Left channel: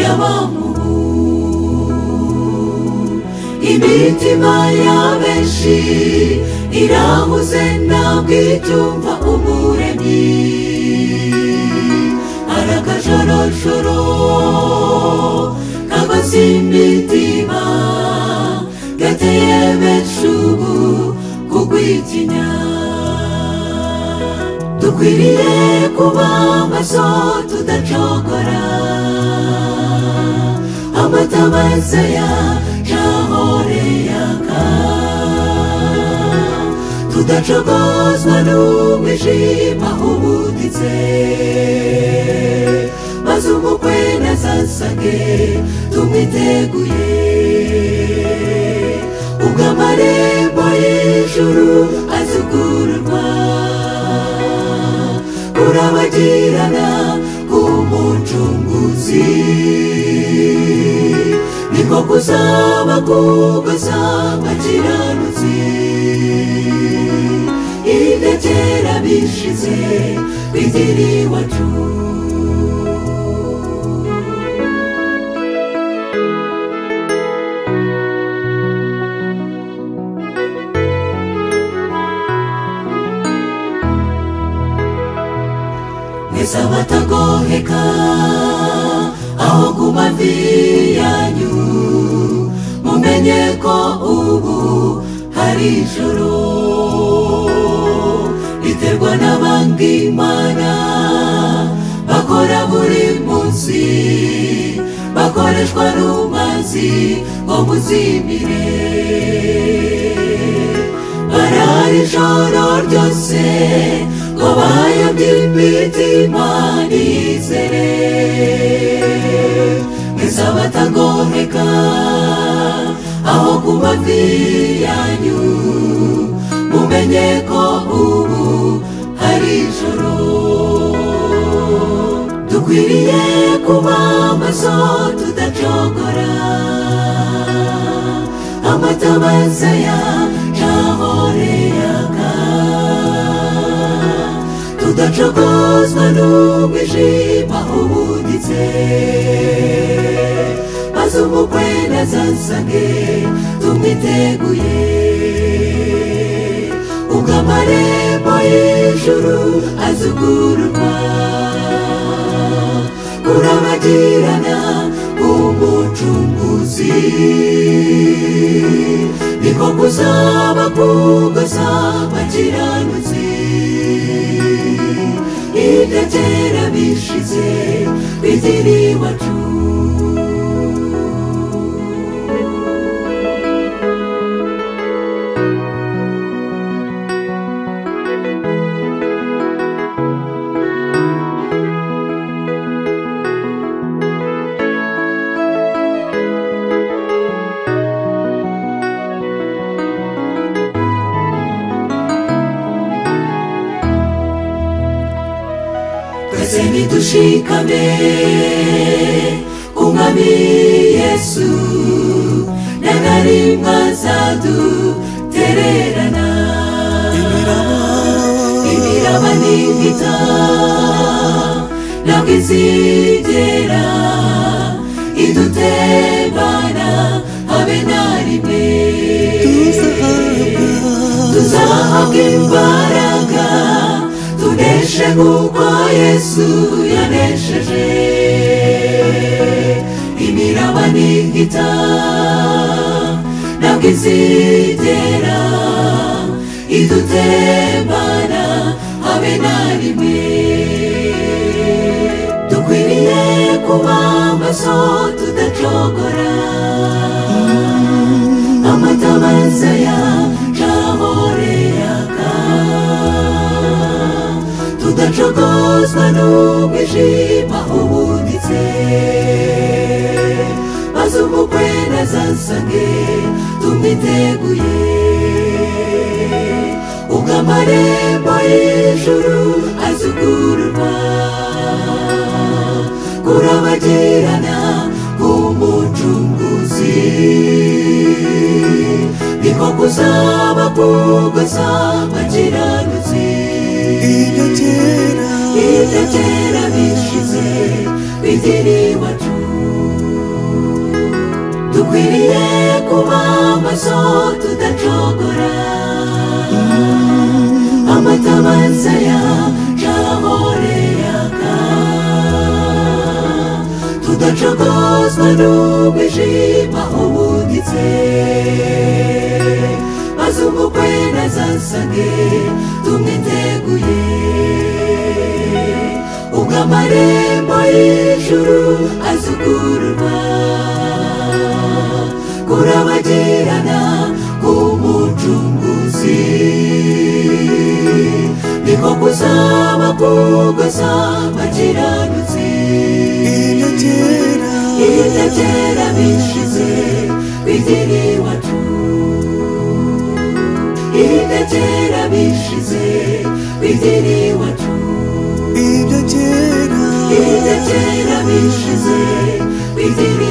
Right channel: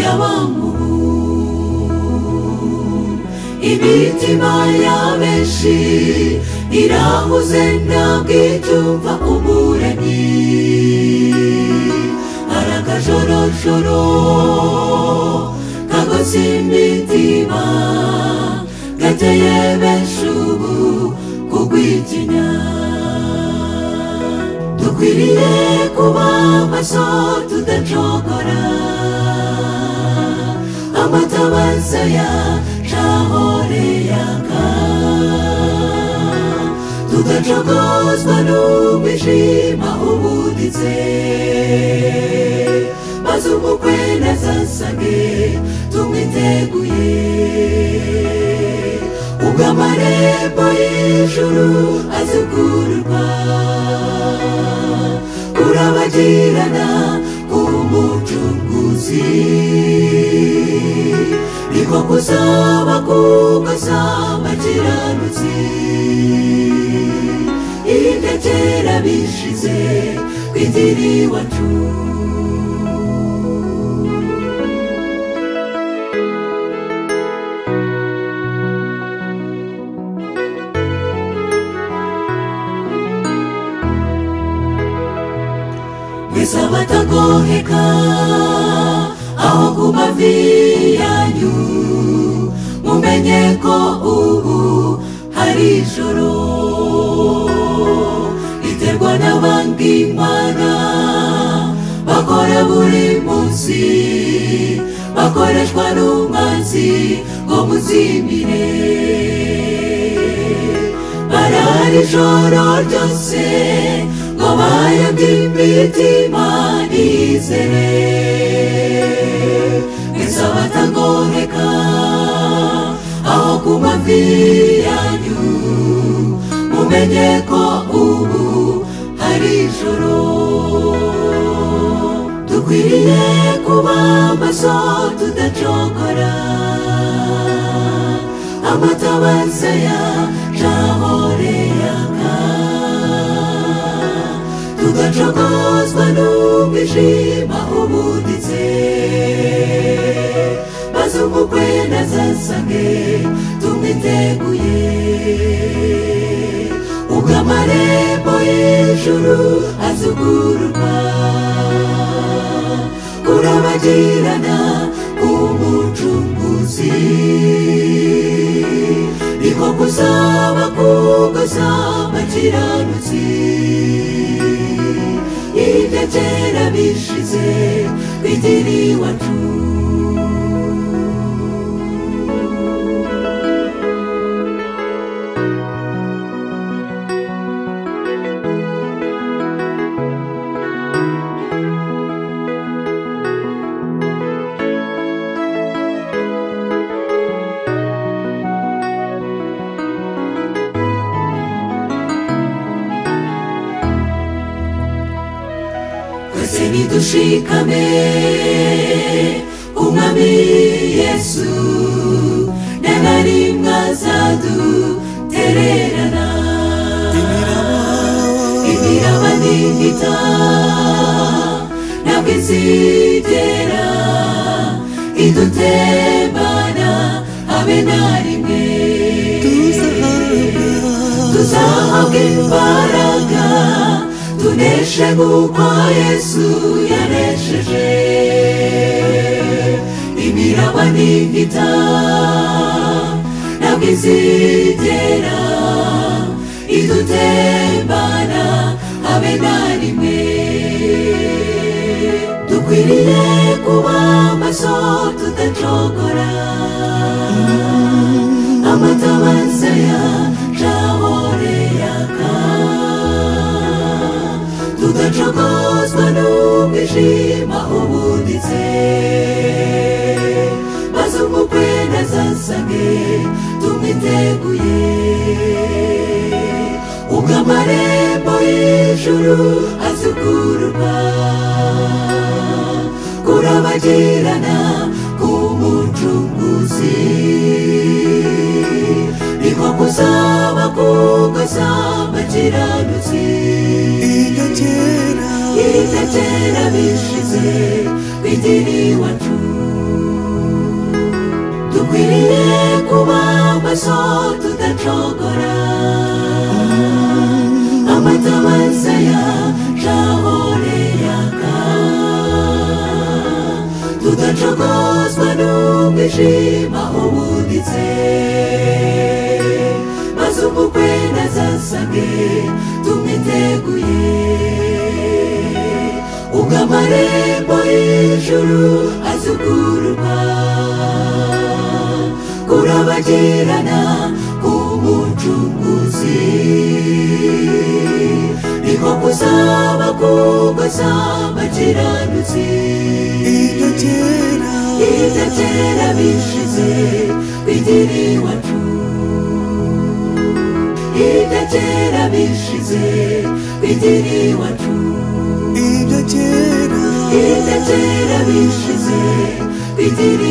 y'abamuhu. Imitima y'abenshi irahuze ntabwo icyumva Umuremyi. Arakajorojoro kagose imitima gateye benshi ubu kugwitinya. Dukwiriye kuba maso tudacogora, amatabaza yahore yaka, tudacogozwa n'umwijima ubuditse. Maze umukwe nazasange tumwiteguye, ubwo amarembo y'ijuru azugururwa. Kurabagirana k'Umucunguzi niko kuzaba kugasa abakiranutsi. Ibya kera bishize kw'idini iwacu. Mwese abatagoheka aho ku mavi yanyu, mumenye ko ubu hari ijoro riterwa n'abandi Imana bakora buri munsi, bakoreshwa n'umwanzi ngo muzimire. Barara ijoro ryose ngo bayambye imitima nizere. Mwese abatagoheka aho ku mavi yanyu, mumenye ko ubu hari ijoro. Dukwiriye kuba maso tudacogora, amatabaza yahore yaka, tudacogozwa n'umwijima ubuditse. Maze umukwe nazasange tumwiteguye, ubwo amarembo y'ijuru azugururwa. Kurabagirana k'Umucunguzi niko kuzaba kugasa abakiranutsi. Ibya kera bishize kw'idini iwacu. Twese nidushikame ku Mwami Yesu, nta na rimwe azadutererana. Imiraba n'ingita ntabwo izigera idutebana habe na rimwe. Tuzahabwa imbaraga tuneshe nk'uko Yesu yanesheje. Imiraba n'ingita ntabwo izigera idutembana habe na rimwe. Dukwiriye kuba maso tudacogora, amatabaza yahore yaka, tudacogozwa n'umwijima ubuditse. Maze umukwe nazasange tumwiteguye, ubwo amarembo y'ijuru azugururwa. Kurabagirana k'Umucunguzi niko kuzaba kugasa abakiranutsi. Ibya kera bishize kw'idini iwacu. dukwiriye kuba maso tudacogora amatabaza yahore yaka tudacogozwa n'umwijima ubuditse maze umukwe nazasage tumwiteguye ubwo amarembo y'ijuru azugururwa kurabagirana k'umucunguzi niko kuzaba kugeza abakiranutsi ibyo kera bishize kw'idini iwacu ibyo kera bishize kw'idini iwacu ibyo kera bishize kw'idini